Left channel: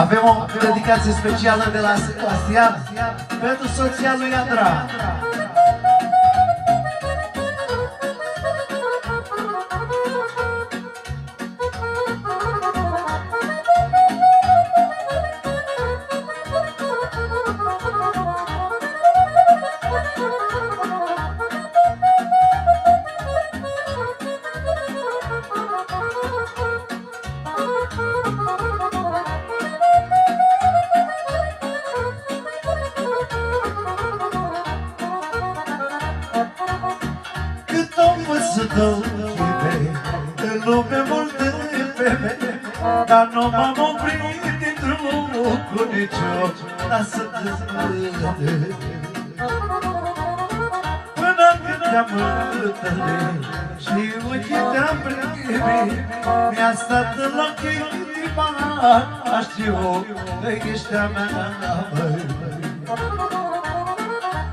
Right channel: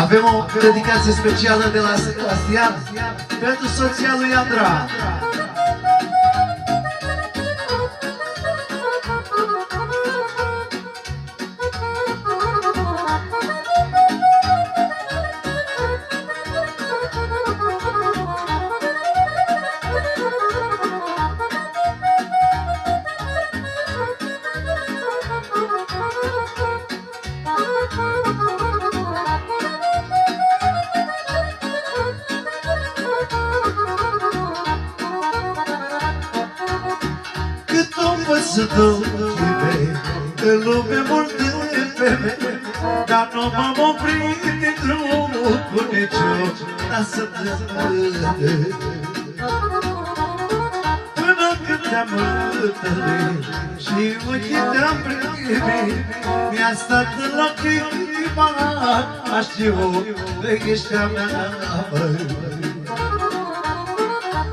Avem o dedicație specială de la Sebastian pentru soția lui Andra. În lume multe femei, dar nu m-am oprit din drumul cu nicio lasă de până când te-am întâlnit și ochii te-am privit, mi-a stat în ochi inima, știu că ești a mea, măi.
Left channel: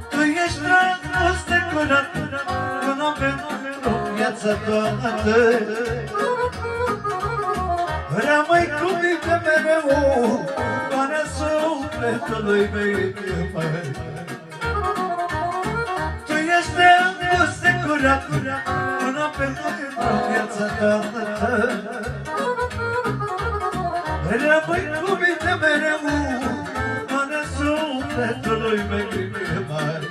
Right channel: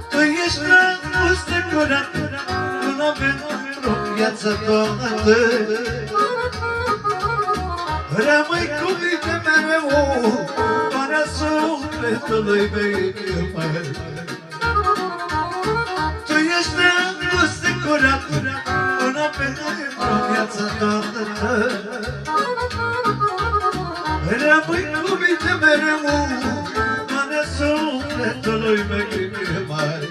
Tu ești dragoste curată, un om pentru viața toată. Rămâi cu mine mereu, pana sufletului meu, măi. Tu ești dragoste curată, un om pentru viața toată. Rămâi cu mine mereu, pana sufletului meu, măi.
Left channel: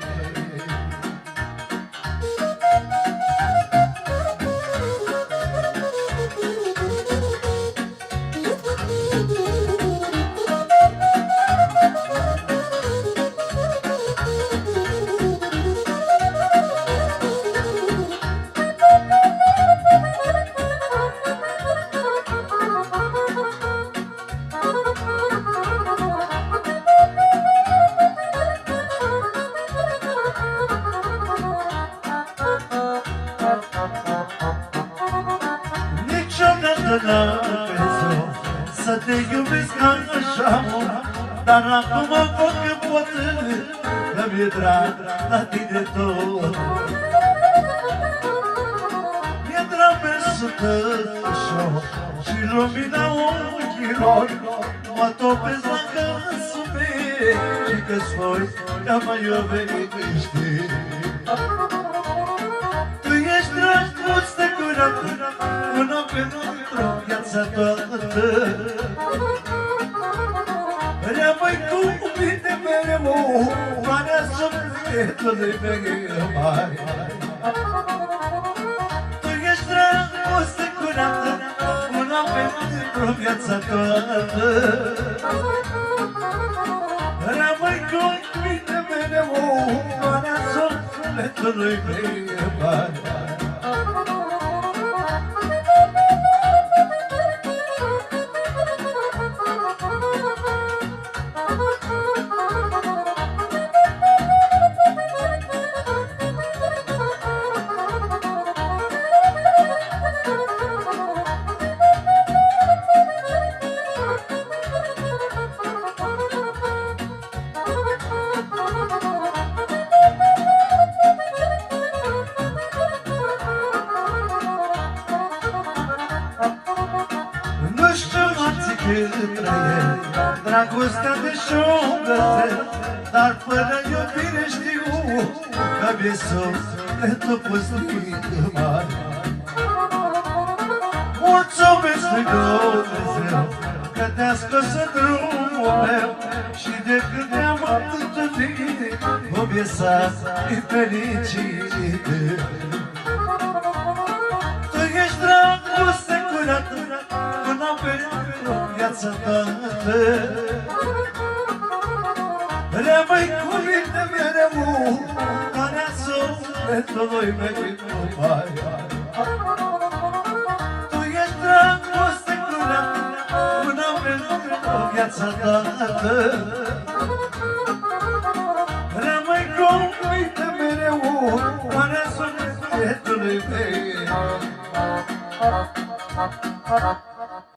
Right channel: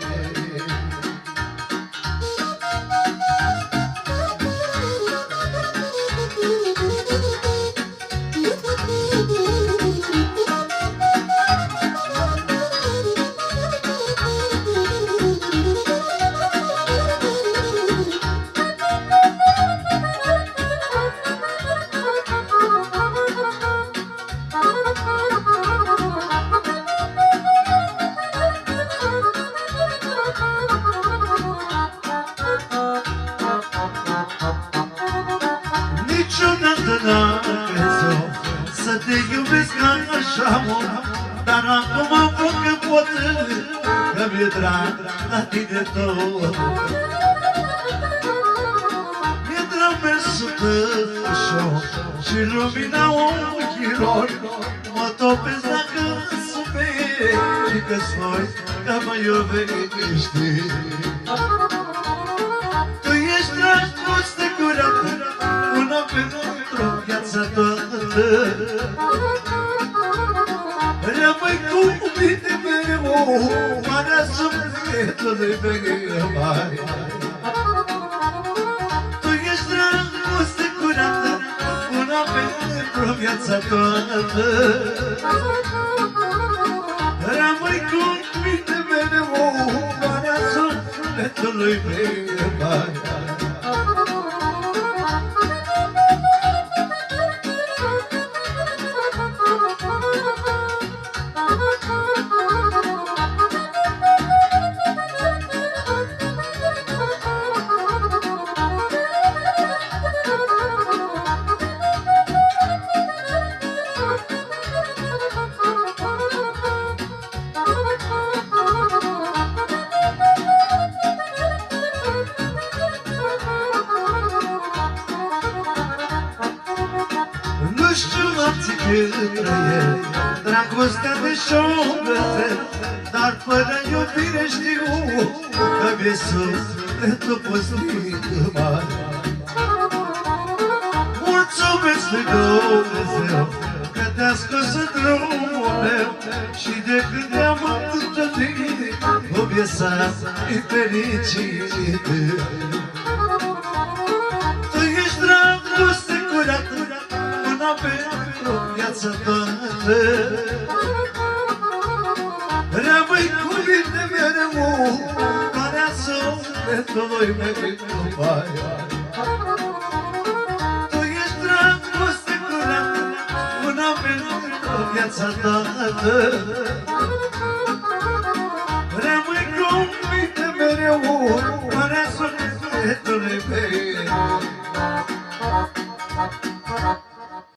N-am crezut să te iubesc așa mult, dar acum văd că pot, că mi-e drag la tine tot. Mi-e drag mersul tău și lumina ochilor, mă topesc dacă suferi și că-ți voi că mă iubești. Tu ești dragoste curată, un om pentru viața toată. Rămâi cu mine mereu, pana sufletului meu, măi. Tu ești dragoste curată, un om pentru viața toată. Rămâi cu mine mereu, pana sufletului meu, măi. Dragostea de șobrătă, dar fără iubire știu că mi-e sufletul pustit mare. Mulțumesc lui Dumnezeu că te-a scos în drumul meu și de când te-am întâlnit o viața e fericită. Tu ești dragoste curată, un om pentru viața toată. Rămâi cu mine mereu, pana sufletului meu, măi. Tu ești dragoste curată, un om pentru viața toată. Rămâi cu mine mereu, pana sufletului meu.